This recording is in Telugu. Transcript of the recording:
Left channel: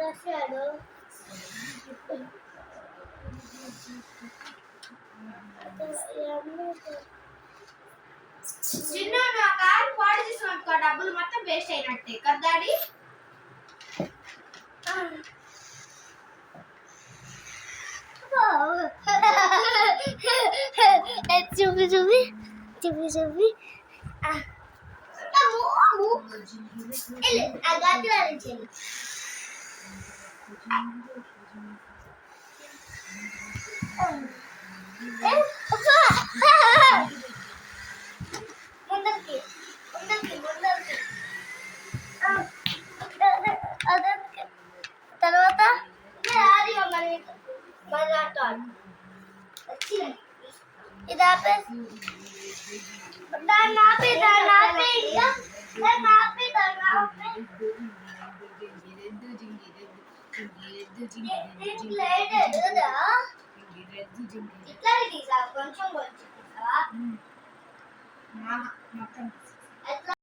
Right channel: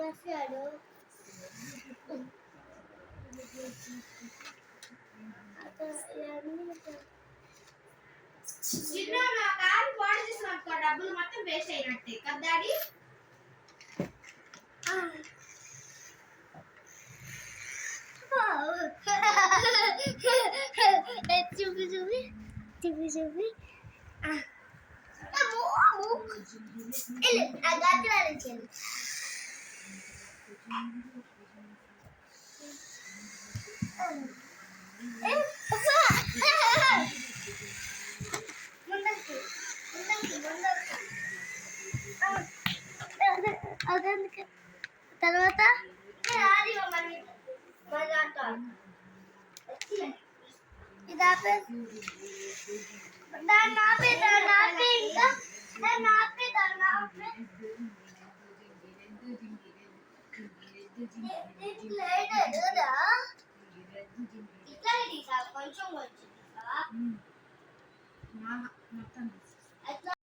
రాశాడు. చిన్న నా కార్ పాడు చేసినందుకు డబ్బులు మొత్తం వేస్ట్ అయినట్టే కదా డాడీ. చూపి చూపి చూపి చూపి ముందరికి ముందరికి ముందరికి అదందుకే తర్వాత ఇది ఆపే దాన్ని ఆపే దాన్ని ఆపే ఇంకా దాన్ని ఆపే దాన్ని ఆపే ఇట్లా తీసా కొంచెం కొంచెం తీసావా మొత్తం